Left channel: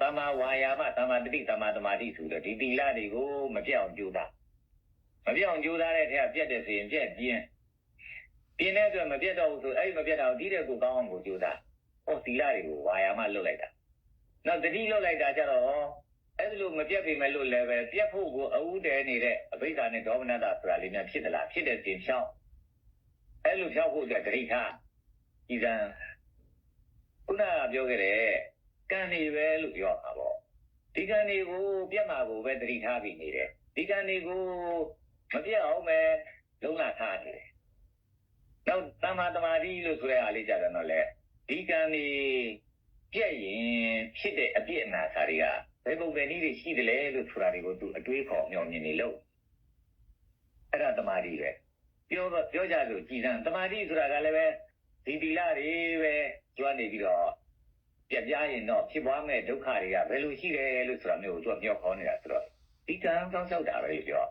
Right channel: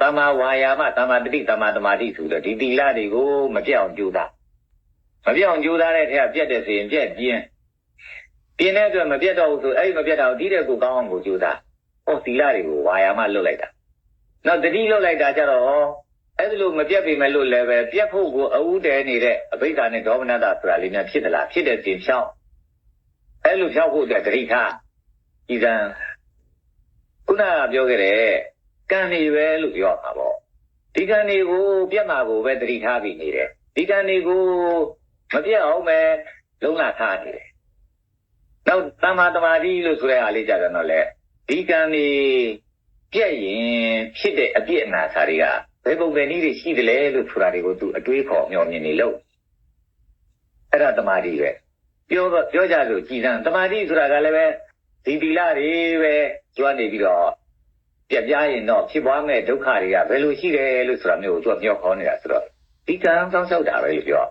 တမ္မာဝါယာမတမ္မာတတိတမ္မာသမာဓိဆိုတော့ဒီသီလတွေကိုမပြတ်အောင်ကြိုးစားမပြတ်အောင်ကြိုးစားတဲ့ထက်ပြတ်တဲ့ဆိုရင်ပြတ်ပြင်းတဲ့အတွက်မပြတ်တော့ဘူးဆိုအဲ့ဒီမပြတ်တော့ဒီတဲ့ကိုကောင်းအောင်ကိုကြိုးစားဟောသီလတွေကိုဝါယာမလွတ်လိုက်တာနောက်တတိလွတ်လိုက်တာကြတော့အဲ့ဒီလိုမပြတ်ပေမဲ့လို့လည်းပဲပြတ်ဖို့ကိုအဥတည်နေတဲ့အဘိဓါနဲ့ဒေါမနတဆိုတာလေးများဖြစ်သလားဖြစ်တဲ့တင်ဖြောင်းအဲ့လိုဖြောင်းဖို့အတွက်တတိထားဤစံခုနပြောခဲ့တဲ့ကံနေပဲလို့ပြောမှာပေါ့ဒီကံတွေကိုပြတ်မှာကိုပဲတတိထားပြီးနေတယ်ဒီကံတွေကိုမပြတ်အောင်ပဲလုံးလာထားနေတယ်နောက်သမ္မာသမာဓိလို့ဆိုတဲ့အားလေးကြတော့လေဒီကံနေပြည့်ရင်ဖြစ်တဲ့အပြည့်အနာစာတွေကဘယ်ပုံပဲနည်းတွေရှိတယ်လဲလို့ဆိုတာတွေကိုသူအတွေးခေါ်မျှော်မြင်နေလို့အဲ့ဒါသမာဓိပဲပြောကြလို့ကြည်စမ်းသမာဓိဆိုတာကလည်းပဲဒီသီလတွေပဲကျွမ်းနေပြီးတော့ပြတ်ပြားရင်တော့ဖြစ်ပွားမဲ့ဒုက္ခတွေကဘယ်လိုရှိတယ်လို့ဆိုတာမျိုးကိုသူကပြောခေါ်နေတာဆိုတော့ဒီကံစောင့်ရှောက်တာပဲလို့ပြေ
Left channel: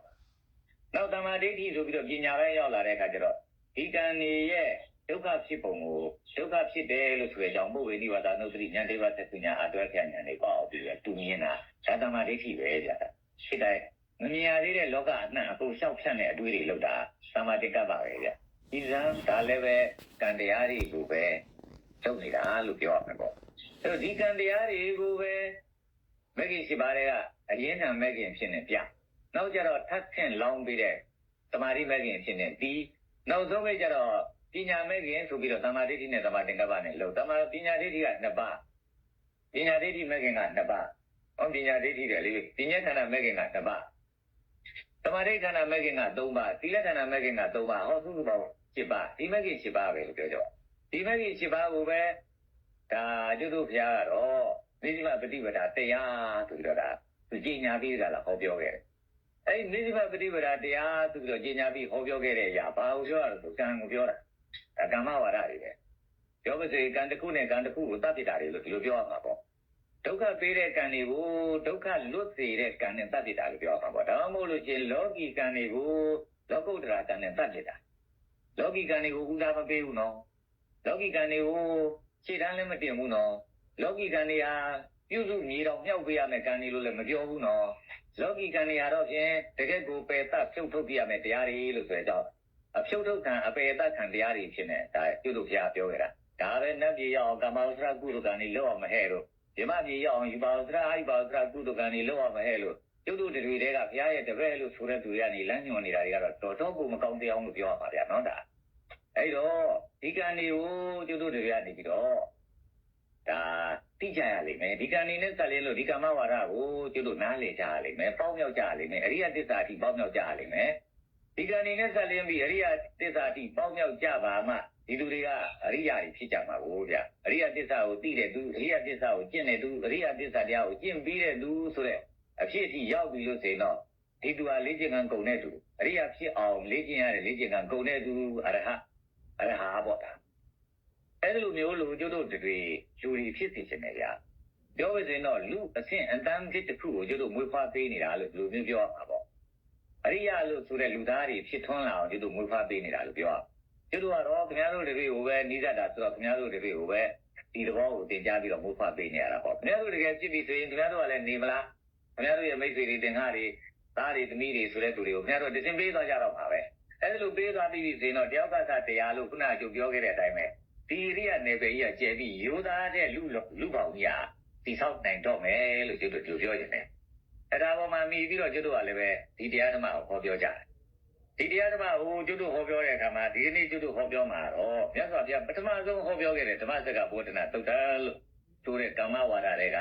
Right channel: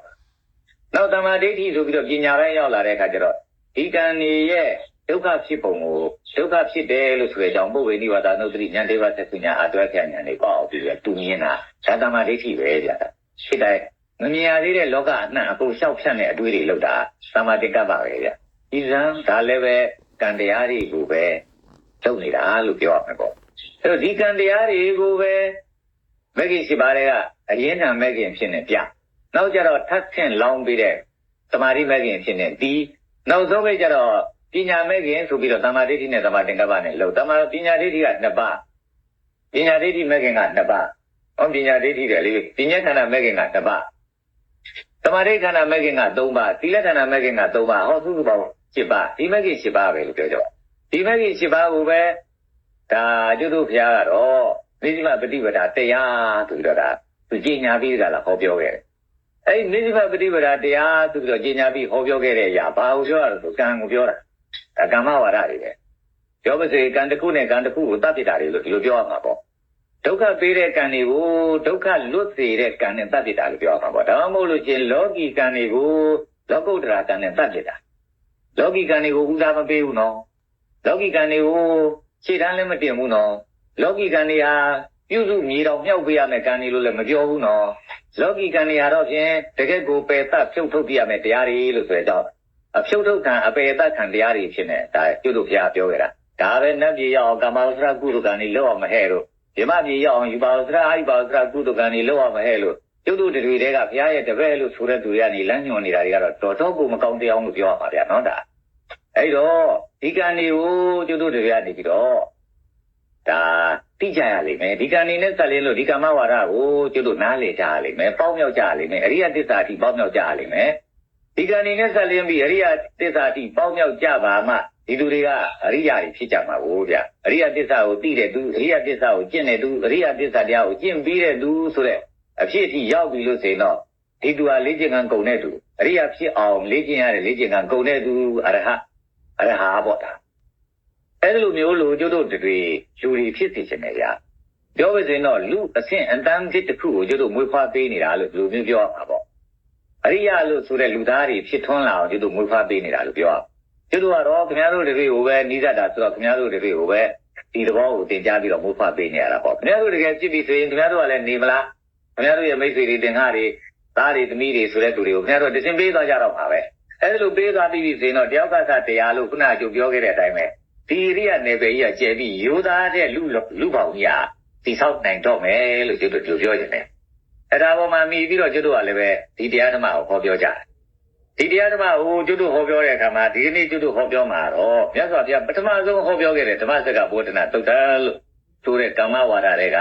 ာနောက်သမာဓိဆိုပြီးတော့ပညာပိုင်းရောက်လာတဲ့အခါကျတော့ဒီကံနေရဲ့ဒုက္ခဖြစ်ပုံကိုဒုက္ခဖြစ်တယ်လို့ဆိုတဲ့အကြောင်းပုဗ္ဗေနိဝါဒနုတ္တိဉာဏ်တေဝသက္ကဉာဏ်အတွဲခဏဉာဏ်တွေပေါ့ပြီးတော့တူမြင်တာဒါသမာဓိပဲဗျာဖြစ်တိုင်းမမြင်ရသေးတဲ့လောကအနှံ့အကုန်လျှောက်ဖြတ်တဲ့အတွေးတွေလောက်တာသမာဓိကပ်ပါပဲဗျာဒီစံဒါလည်းပဲကံတရားတွေကိုပဲလုပ်နေတာလို့ပြောရမှာပေါ့အဲ့တော့ဒီကံတရားတွေကိုပဲမဂ္ဂင်ရှိပါတဲ့ကအရင်းထံမဂ္ဂင်ဖြစ်နေပြနောက်ကြတော့ထပ်ဆင့်လောင်းပြီးတဲ့သမာဓိမဂ္ဂင်ဖြစ်နေဒီနောက်ဆုံးပဲကြတော့ပညာမဂ္ဂင်ဆိုပြီးတော့သမာဓိနဲ့သမာသင်္ကပ္ပနဲ့လို့သမာပညာဒိဋ္ဌိက2ပါးပညာဒိဋ္ဌိမဂ္ဂင်က2ပါးဟောပညာဒိဋ္ဌိတယ်လေပညာခန္ဓာမဂ္ဂင်က2ပါးသမာဓိခန္ဓာမဂ္ဂင်က3ပါးသီလခန္ဓာမဂ္ဂင်က3ပါးဟောစုစုပေါင်း7ပါးဒီမဂ္ဂင်7ပါးပဲလို့ပြောကြဒီမဂ္ဂင်7ပါးကိုပဲဒါကျွတ်တို့ဘုရားကတော့နိစ္စမပฏิပဒါတရားဆိုပြီးတော့ဒါသူကြီးညာပြီးကြလားဟောပြောခဲ့တယ်အဲ့ဒီနိစ္စမပฏิပဒါတရားဆိုပြီးတော့ကြီးညာပြီးဟောပြောခဲ့တဲ့အရာဘာကိုပြောရလဲဆိုကံကိုပြောတာဒါကမ္မဝါဒတွေပဲပြောပါစေကံတစ်ခုနဲ့ကံတစ်ခုကိုတတ်ပြတာတွေလို့ဒီလိုပြောရမှာပေါ့ဒုက္ခပေးတဲ့ကံတွေကိုဒုက္ခလွတ်စေတဲ့ကံနဲ့တတ်ပြတာလို့ပြောရမှာပေါ့ဒါမှမဟုတ်လို့ချင်းလောကီကံတွေကိုလောကုတ္တရာကံနဲ့တတ်ပြတာလောကီကံတွေကိုဥစားမပေးဘူးနော်လောကီကံတွေကိုခြေတန်းလည်းမတင်ဘူးနော်လောကီကံတွေဟာပြုစုမြေတော်မြောက်ပေးရမယ်ကံတွေလို့လည်းမပြောဘူးနော်လောကီကံတွေဟာတော့ဖြင့်တကယ့်ကိုပယ်တတ်ဖြုတ်ထုတ်ပြရမယ်တရားတွေလို့ဆိုတော့အဖြုတ်ထုတ်ကံအပယ်တတ်ခံတရားတွေဖြစ်နေဒါကျွတ်တို့ဘုရားပြောခဲ့တာဒါပဲနတ်ပြည်ရောက်ကာမဝဆရာကုသကံတွေလောက်အောင်မဟဲ့လို့ဒီမပြည်ရောက်အောင်ယူပါဝဆရာဟိပါဝဆရာကုသကံတွေလောက်အောင်မဟဲ့လို့ကျွတ်တို့တွေကဘုရားရဲ့တပည့်လို့ဆိုတဲ့သူတွေကနေလမ်းညွှန်နေတာတွေကတော့တော်တော်ကိုမကောင်းတရားလို့ပြောရမှာဗျာနော်ဒါအဲ့တော့ဒီကံတွေကိုကျွတ်တို့တွေကနေပြီးတော့ဒါသိကြရလိမ့်မယ်ဒီကံနေနဲ့ဆက်လင်းလို့ဒီကာမဝါဒကိုကျွတ်တို့နားလည်ကြရလိမ့်မယ်ပေါင်းမြောက်ကြရလိမ့်မယ်အရိယသစ္စာအထိပေါင်းမြောက်ကြရလိမ့်မယ်ဒီကံနေနဲ့ဆက်လင်းပြီးအရိယသစ္စာအထိပေါင်းမြောက်ကြပါမှဒီလူတွေကအရိယာတွေဖြစ်ကြမှာကိုဗျအရိယသစ္စာကိုသိတဲ့သူအရိယသစ္စာကိုကျင့်တဲ့သူအရိယသစ္စာတရားကိုကျင့်ပြီးတဲ့သူဆိုတဲ့အဖြစ်အထိရောက်ပြီလို့ဆိုရင်တော့ဒီသူဟာလေ့ကျင့်ကံကုန်တဲ့သူအရိယာဖြစ်အောင်လေ့ကျင့်ရတဲ့လေ့ကျင့်ကံကုန်တဲ့သူအရဟပေါ့ဒါအဲ့လိုမျိုးလို့ကျွတ်တို့တွေလူတွေဖြစ်စေချင်တယ်ဗျပြောပါစေတော့လူအဆင့်အတန်းဖြစ်တစ်ခုကိုကျွတ်တို့မွေးဖွားပေးနေတာလို့လူမျိုးပြောမှာပေါ့အရိယလို့ဆိုတဲ့လူသားတွေဖြစ်ထွန်းလာအောင်ကျွတ်တို့မွေးဖွားပေးနေတာလို့ပြောကျွတ်တို့ကတော့ခင်ဗျားတို့တွေကိုပဲနီးစပ်တာဆိုတော့ခင်ဗျားတို့တွေကိုပဲဒီသဘောကိုသင်ကြားပြီးတော့မွေးဖွားပေးနေရတာပေါ့ခင်ဗျားတို့တကယ်ဖြစ်ပြီဆိုရင်ခင်ဗျားတို့ကလည်းနေမလားခင်ဗျားတို့ရဲ့မိတ်ဆွေတွေတင်ကားတွေသားတွေသမီးတွေဆိုတဲ့သူတွေကိုခင်ဗျားတို့တစင်ပေးသွားကြတော့မှာပဲအဲ့လိုပေးသွားပြီးဆိုရင်တော့တယောက်ကတရားလို့ခုနကပြောခဲ့တဲ့အတိုင်းပဲဒီရိယနယ်ပယ်ကြီးကကျဲပြီးရိုးသားတဲ့လူပေါင်းကြီးတိဆောက်နိုင်တော့မယ်လို့ကျွတ်တို့ပြောနေတယ်အဲ့ဒါပေါ်မှာမိပြီးတော့ကျွတ်တို့ကလည်းပဲဒီတရားဓမ္မကိုဟောပြောကြတယ်ဒီတရားဓမ္မကိုကျွတ်တို့ဟောပြောတဲ့အခါမှာဒီနေ့ကျွတ်တို့ဟောပြောမှာတော့မြတ်စွာဘုရားပထမဆုံးဟောပြောခဲ့တဲ့ဓမ္မစကားဘောဓနာသုတ်တလို့ဆိုတဲ့ကာမဝါဒတွေ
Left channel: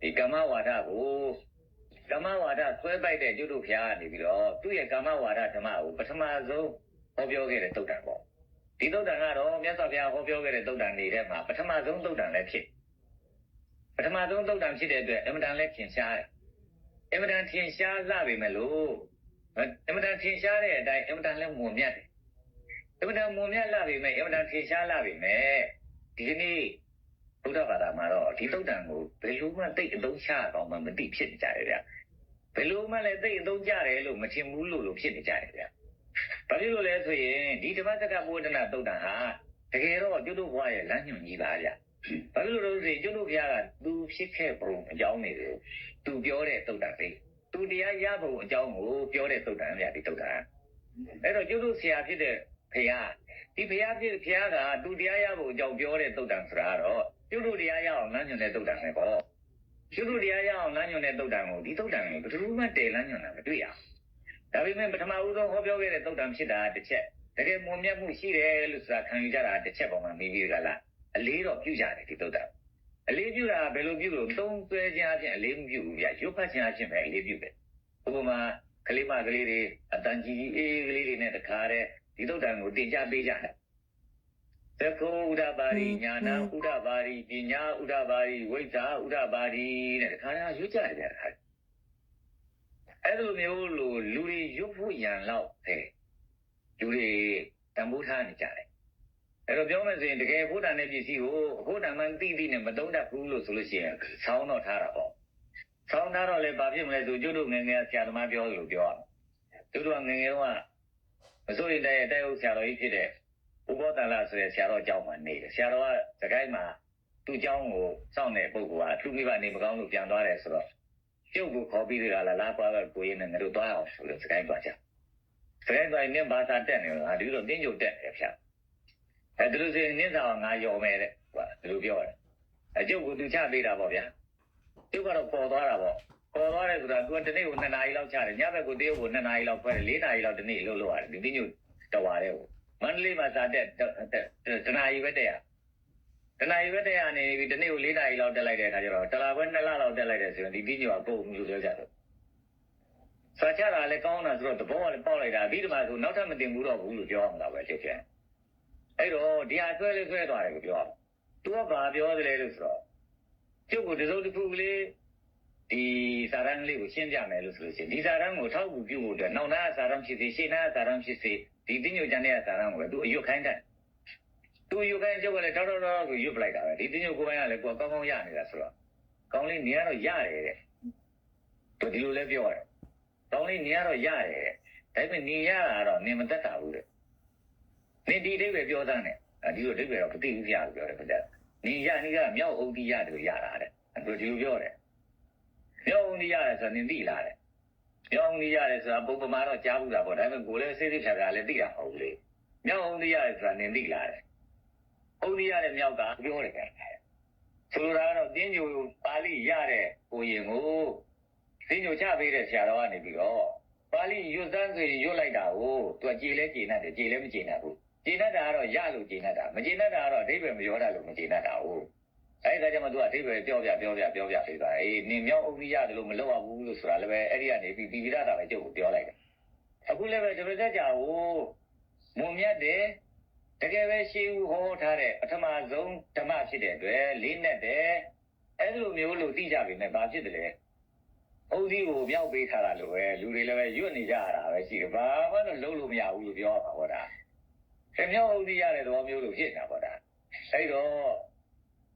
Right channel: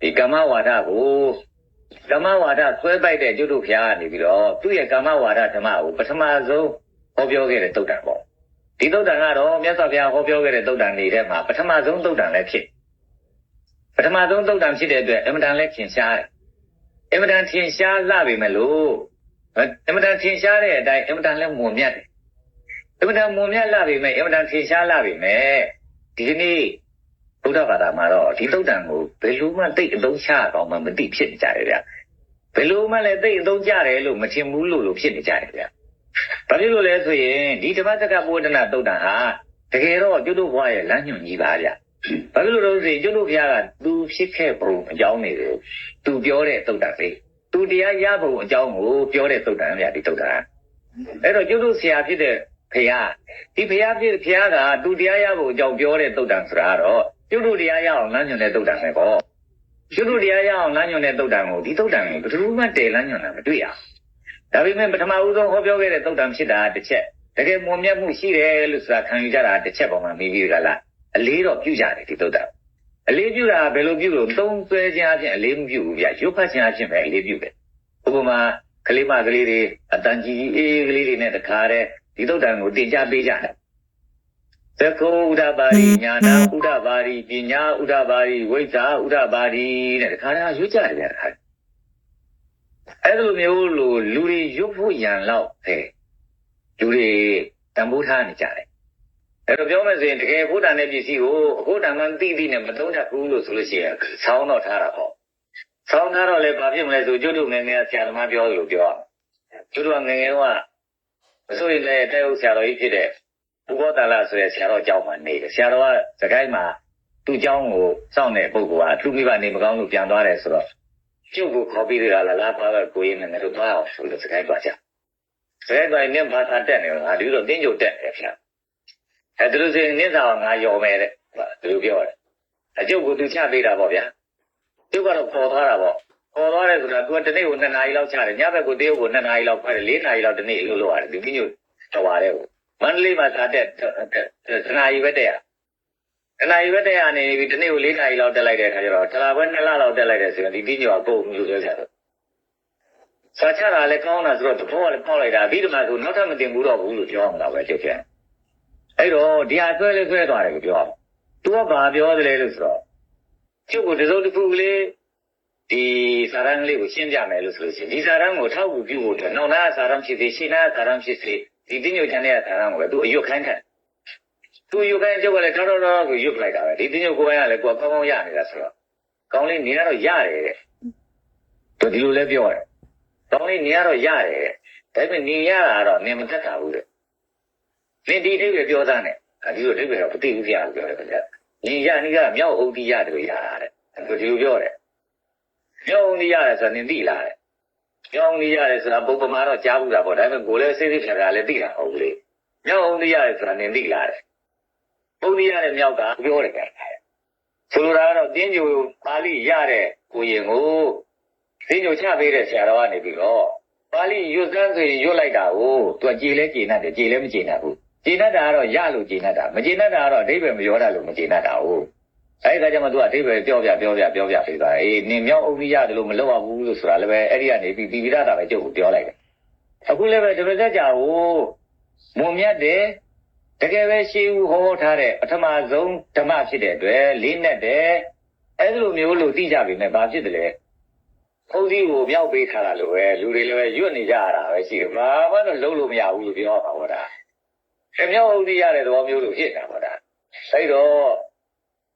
ကဒီကာမဝါဒကိုကာမဝါဒဆွဲပိုက်တဲ့ကျွတ်တို့ဘုရားကနေပြီးတော့သူ့ရဲ့ကာမဝါဒဓမ္မကိုပထမဆုံးဟောပြောခဲ့တဲ့သုတ်တပေါ့ဒီသုတ်တကတော့မြတ်စွာဘုရားဟောပြောခဲ့တဲ့သုတ်တနေတဲ့မှာပထမဆုံးသုတ်တလည်းဖြစ်ပထမဆုံးသုတ်တဖြစ်တဲ့အတွက်အမတန်လည်းထင်ရှားတယ်အမတန်ထင်ရှားလာပြီမလို့အမတန်ထင်ရှားတဲ့အတိုင်းအမတန်လည်းမွန်မြတ်တယ်အမတန်မွန်မြတ်လာပြီမဲ့အမတန်ထင်ရှားလာပြီမဲ့ဒီနေ့ဗုဒ္ဓဘာသာမှာတော့ဒီသုတ်တကိုဘယ်လိုမှသိအသုံးချအောင်မှမသိဖြစ်နေကြတယ်ဗျဘယ်လိုမှလည်းသိအသုံးကြတယ်လို့မထင်ဘူးလို့ဖြစ်နေကြတယ်ဗျဘာဖြစ်လို့လဲဆိုရင်ဒီဓမ္မစကားဘောဓနာသုတ်တဟာတကယ်တော့ကျွတ်တို့ဘွားရဲ့လမ်းညွှန်ကြီးပါဗျ ဘာလို့လို့ဆိုရင်ကျွတ်တို့ဘုရားကသူဖြစ်ခဲ့ပုံအကြောင်းတွေကိုသူပြောတဲ့သုတ်တံပဲသူတရားရပုံအကြောင်းကိုပြောတဲ့သုတ်တံဗျာဒီသုတ်တံအဲ့တော့ကျွတ်တို့ဆရာဖြစ်တဲ့ဘုရားဒီဘုရားဖြစ်ဘုရားကသူတရားရပုံအကြောင်းပြောတဲ့သုတ်တံဆိုတာတော့ကျွတ်တို့တရားရအောင်လမ်းညွှန်တဲ့သုတ်တံပဲပေါ့ကျွတ်တို့တရားရအောင်လမ်းညွှန်တဲ့သုတ်တံကိုဒီသုတ်တံကိုဘယ်သူမှတည်လမ်းညွှန်တာမတွေ့ရဒါပေမဲ့ပထမဦးဆုံးဟောပြောခဲ့တဲ့သုတ်တံဖြစ်တာတစ်ချက်တကယ်မွန်မြတ်မှုရှိတယ်လို့ဆိုတာခံယူကြတာတစ်ချက်ပေါ်မှာမိပြီးကြလားအလေးတော့ပြုကြတယ်ဒီသုတ်တံအလေးပြုတာဘယ်လိုပြုလို့သုံးဆွဲခြင်းအပြင်အလေးမပြုဘူးဗျရုပ်ဖတ်ခြင်းအပြင်ပဲအလေးပြုတယ်ဥပမာကလေးမကလေးတွေအတန်ကြီးအေးကလေးတွေနဲ့တခါတည်းဒီသုတ်တံကိုတင်ကြပေးကြတယ်သက္ကုဥဒ္ဒပါရိညာနာဥဒ္ဒပါရိပညာဥဒ္ဒပါရိဝိဇ္ဇာဥဒ္ဒပါရိတဲ့တခါတည်းရွတ်ကြတယ်ဗျအဲ့လိုမျိုးလို့လူတွေရွတ်ဖို့ရန်လောက်တယ်လူတွေတန်ဖိုးထားနေကြတယ်အဲ့တော့ပြောမယ်ဆိုရင်တကယ်ဘုဒ္ဓနဲ့ပစ္စည်းကိုဘုဒ္ဓမှန်သိသိနဲ့မသုံးတတ်ဘူးလို့ဆိုလို့ရှိရင်ဆောင်းတော့ထားတာပေါ့ဆောင်းထားတော့လည်းဘာဖြစ်မလဲဆိုကျွတ်တို့ငယ်ငယ်ဆရာသမားပြောလို့ပြောကျွတ်တို့ငယ်ငယ်ကမဆိုရင်လည်းတဲ့ဥဆရာတော်ကြီးဖြစ်တဲ့ဥပဒလာဆိုတဲ့ဆရာတော်အကြောင်းမှနေတယ်ဆရာတော်ကစကိုင်းမှာသူ့အကြောင်းကိုစောင့်တဲ့ပုဂ္ဂိုလ်ကသူ့မိဘနေမကောင်းလို့ပြန်သွားတယ်ဆိုတော့ကျုပ်ကိုခေါ်ပြီးရလားလားပါပဲကိုရင်းနဲ့ငါတို့သွားအောင်ဆိုလို့စကိုင်းသွားကြစကိုင်းသွားရင်ဘာသာတက်နေငါဒီလိုတင်းကြုတ်တက်တယ်ဗျာအဲ့ဒါလို့ဆိုရင်နင်းစာငါယော်မယ်တဲ့ဒီလိုပြောတယ်အကျုပ်ကိုသူချပေးတာပေါ့ဗျာကျုပ်ကတော့ပေါ်သွားတာပေါ့ပေါ်သွားတယ်ဆိုတာသူကတနေ့ကို2နာရီလောက်ချတယ်ညဘက်ကိုတရုတ်ကို2နာရီလောက်ခွဲတယ်4နာရီလောက်တနေ့လို့လုပ်ရတယ်ဒီတင်းကြုတ်တော်ပါတယ်ကိုမန္တလေးမှာစာတက်2နာရီပဲတက်ရ2နာရီပဲတက်ရနေပြီတနေ့ကို4နာရီလောက်တက်လိုက်တဲ့အခါကျတော့တလားပွဲ2လလောက်တက်လိုက်တယ်ဆိုရင်ဒီတင်းကြုတ်ကကုန်လို့ပြောကြတယ်စာချတာလည်းကောင်းတာဆိုတော့တဘောကလည်းပေါက်လိုက်တာပြီးတော့မှဆိုနောက်ထပ်မတင်ဘူးတော့ဘူးလို့ပြောအောင်တော့ပဲကျုပ်ပြန်အဲ့တော့ဒီဟာဆွဲလေးဆွဲသွားတယ်ကိုပြောအောင်သူကဘာပြောသလဲလို့ဆိုတော့ကျုပ်ကိုတစုံတစ်ခုကလေးဒီစာရန်လေးကိုရှင်းပြမယ်လို့ဆိုလို့ရှိရင်ဒီစာရန်ကိုထောက်ကူပြုဖို့အတွက်နောက်နာစာရန်ဖြစ်စေရှင်းနာစာရန်ဖြစ်စေဒီတင်းညိုချန်တဲ့စာရန်ကိုပဲသူအယွတ်ခိုင်းတယ်သူအယွတ်ခိုင်းကျုပ်ကလည်းထောက်တော့ကိုယွတ်လိုက်တာပဲဒီတင်းညိုကိုယ်ပိုင်ကလည်းကိုယ်ကောင်းကောင်းရနေတာဆိုတော့ကောင်းလေးနေရတော့ရတယ်တဲ့သူဒီလိုလဲပြောတယ်ကောင်းလေးနေရတော့ရတယ်တဲ့ဒါပေမဲ့နေရတာတော့နေမတတ်တာဘူးတဲ့နေဒီအိဗယ်ပြောသားနဲ့ဒီလိုအိဗယ်တော့မသိဘူးပြလို့ပြောတယ်ခင်ဗျနေရနေကမြောက်အုပ်တိရတယ်လို့ရတာတဲ့သူဒီလိုပြောတယ်မြောက်အုပ်တိရတယ်ဆိုတာနေသိလားတဲ့မြောက်အုပ်တိရတယ်ဆိုတာပုံပမာတော့ကြားဘူးတာပေါ့ဒါပေမဲ့ကိုယ်လည်းစိတ်စိတ်ဖြာဖြာလည်းသိတာဟုတ်လေမြောက်အုပ်တိရတယ်ဆိုတာနေသိလားတဲ့အုပ်တိရတဲ့မြောက်ကပြောတယ်ခင်ဗျဆိုလိုတာကတော့တင်းကြိုပါဠိရတဲ့ကိုရင်ကိုတင်းကြိုချပေးတဲ့ဆရာတော်ကနေပြီးတော့ပါဠိရွတ်စမ်းဆိုရင်ရွတ်လိုက်တာကိုသူကကြည်လဲကြည်နဲ့တယ်ကြည်လဲမကြည်နဲ့ဘူးကြည်နဲ့တာကတော့ရလို့ကြည်နဲ့တာမကြည်နဲ့တာကတော့အဓိပ္ပာယ်မပြောတတ်လို့မကြည်နဲ့တာဟုတ်အဲဒီကကြမှာသူကအဓိပ္ပာယ်ပြောပြပေးသွားအေးနင်မြောက်အုပ်ကြီးရတယ်လို့မလုပ်ရဘူးလို့ဆိုတာလည်းပဲအဲ့ဒီကနေပြီးပြည်ပြတာပဲကျုပ်ကိုပြောလိုက်တယ်အခုလည်းပဲတပည့်သက်ကြာကိုမုံမြတ်တယ်တကယ်ပဲရှေးဦးဟောထားတဲ့ပထမဆုံးဓမ္မဖြစ်တဲ့အတွက်လေးနဲ့တယ်အဲ့လိုမျိုးလို့သိကြပြီနဲ့ဘာဖြစ်တယ်လဲအုပ်ကြီးကိုမြောက်ပေးထားတာလို့ပဲလူတွေလည်းပဲရွတ်နေကြရတာပဲရှိတယ်ဘာမှတော့လုံးလို့မရဘူးလို့ပြောတာဟောတာအမြောက်အုပ်ကြီးရတဲ့သဘောမျိုးလို့ဖြစ်တာဟောတာအဲ့တော့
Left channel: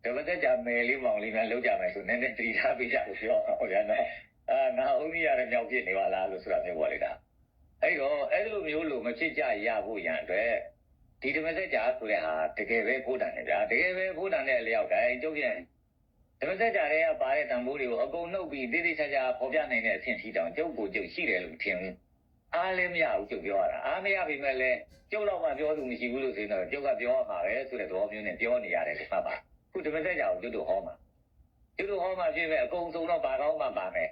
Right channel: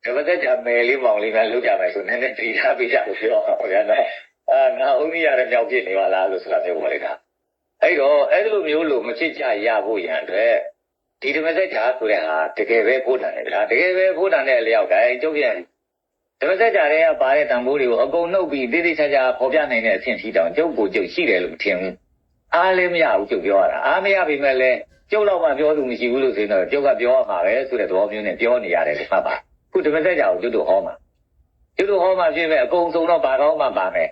တပည့်သက်ကြာမယ်လေးမောင်လေးကလောက်ကြမယ်ဆိုနည်းနည်းတည်ထားပေးကြလို့ပြောဟောဗျာနော်ငါအုပ်ကြီးရတဲ့မြောက်ဖြစ်နေပါလားလို့ဆိုတာမျိုးပေါ်လိုက်တာအဲ့တော့အဲ့လိုမျိုးလို့မဖြစ်ကြရဖို့ရန်အတွက်ဒီတပည့်သက်ကြာဆိုတဲ့ဟာတကယ်ပဲဖို့တန်တယ်ဗျာတကယ်ပဲဖို့တန်တဲ့အလျောက်တိုင်းကျုပ်ပြန်တပည့်သက်ကြာတွေကပါတဲ့တန်ဖိုးတွေကိုအကုန်နှုတ်ပြီးတိတိကျကျပေါ်ပြနိုင်တဲ့အဆင့်ထိတောင်ကျုပ်ကိုကျုပ်ရှိတယ်လို့မထင်ဘူးအားလည်းမရဘူးကျုပ်ပြောရတာအားမရပြီမဲ့လည်းကျုပ်တော့မှပြောသူမရှိဘူးလို့ဆိုရင်တော့ကျုပ်ကပြောရမှာပဲဆိုတဲ့သဘောမျိုးနဲ့ပြောနေရတယ်ဒီမှာပါခုတပည့်သက်ကြာကိုကျုပ်တို့ဟောမှာဖြစ်မဲ့အကုန်စုံတော့ဘာကောင်းမှပါမယ်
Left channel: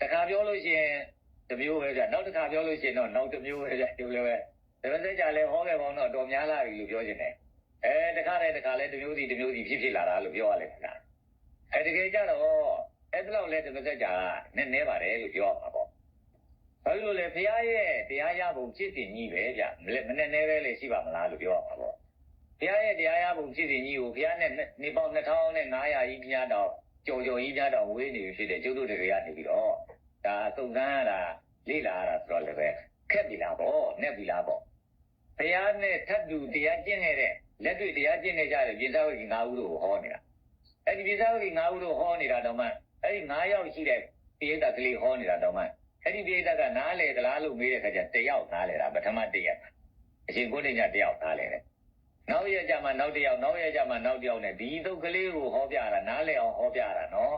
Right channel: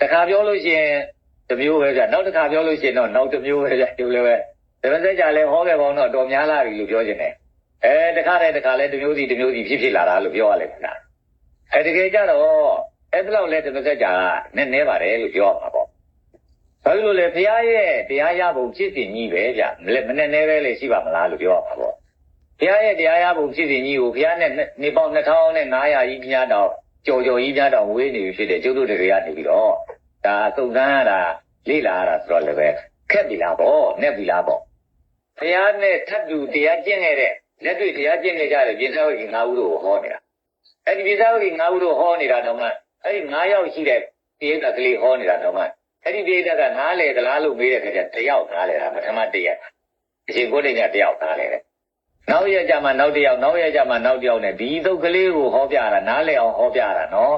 တခါပြောလို့ရှိရင်တစ်မျိုးပဲကြာနောက်တစ်ခါပြောလို့ရှိရင်တော့နောက်တစ်မျိုးပဲကြာကျုပ်လည်းပဲတပည့်သက်ကြာလည်းဟောခဲ့ပေါင်းတော့တော်များလာပြီလို့ပြောချင်တယ်တခါလည်းတစ်မျိုးစီဖြစ်လာတာလို့ပြောရလိမ့်မယ်တကယ်ကြတော့အဲ့ဒါလောက်လဲတပည့်သက်ကြာကနည်းပါတယ်လို့ပြောမှာပေါ့ဘာလို့လဲဘုရားရဲ့တရားရပုံဖြစ်စဉ်ကြီးပဲဗျမနဲ့နဲပဲလေရှိပါမလားလို့ပြောမှာပေါ့ဘုရားရဲ့တရားရပုံဖြစ်စဉ်ကြီးကိုဘုရားနဲ့နေပေါင်း2500ကြီးပြားတော့ကြော်ကြီးပြားတော့ဝေးနေပြီဖြစ်တဲ့ကျုပ်တို့တွေကနေပြီးတော့ဒါစုံစမ်းရတာလေ့လာရတာဆိုတော့လည်းပဲခက်ပြီလားပေါ့နဲ့ပြီလားပေါ့ဘုရားနဲ့ထပ်တူတရားကျင့်ခဲ့တဲ့လက်တွေ့တရားကျင့်ခဲ့ကြတဲ့ပြင်သာဝတိ9ဦးတို့ဟောနေတာအဲ့ဒီပြင်သာဝတိ9ဦးတို့ဟောနေတာတော့မှအဲ့ဒီ9ယောက်ရှိတဲ့ပိဋကကလေးဟောနေတာတော့မှအဲ့ဒီပိဋကနားလေသလားလို့မေးတဲ့ခါကျတယောက်နားလေတာပထမတရက်အရှင်ကိုဋ္ဌိညတယောက်နားလေတယ် နောက်ရကြမှာနောက်တစ်ယောက်နဲ့ဒီသုတ်ကလေးကိုဟောပြတာနားလည်အောင်ဟောပြတာနော်